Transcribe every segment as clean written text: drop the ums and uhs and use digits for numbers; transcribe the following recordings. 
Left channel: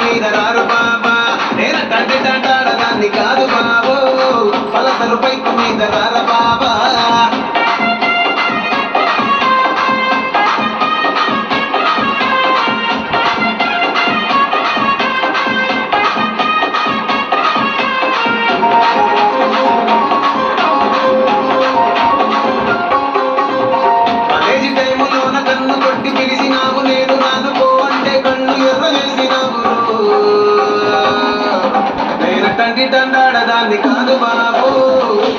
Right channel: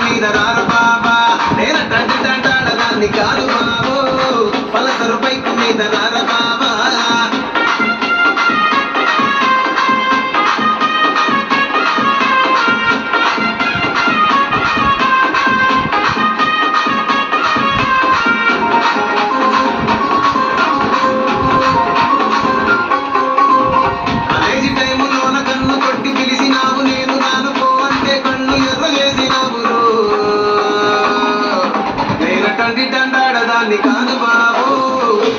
మీద రారు బాబా నేను తండ్రి తంటాడదాన్ని కాదు బాబో పలసరు పైకు మీద రార బాబా కాలేజీ టైములోన కన్ను కొట్టి పిలిచినావు నేను రాను పో అంటే కన్ను ఎర్ర చేసినావు నేను తండ్రి తంటాడదాన్ని కాదు బాబో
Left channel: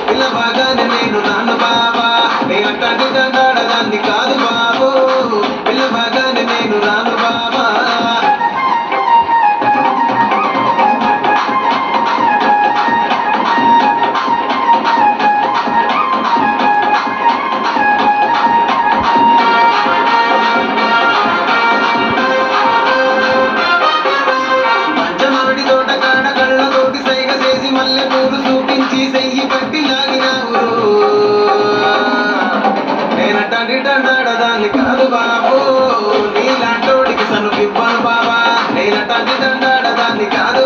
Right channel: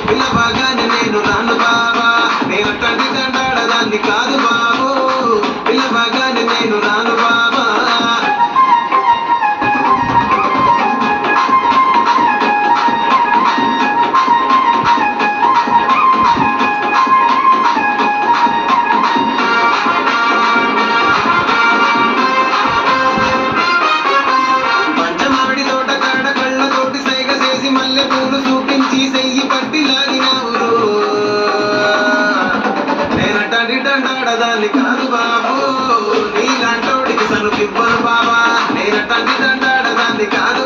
పిల్లబాగానే నేను రాను బాబా నేను తండ్రి తంటాడదాన్ని కాదు బాబో పిల్లబాగానే నేను రాను బాబా పంచమామిడి తోట కాడ కళ్ళతోటి సైగ చేసి మల్లె పూలు చూపించి సెయ్యి పట్టి లాగినావు నేనట్టండి తంటాడదాన్ని కాదు బాబో నీలాంటోడికి సనుకివ్వను బాబా నేనట్టండి తంటాడదాన్ని కాదు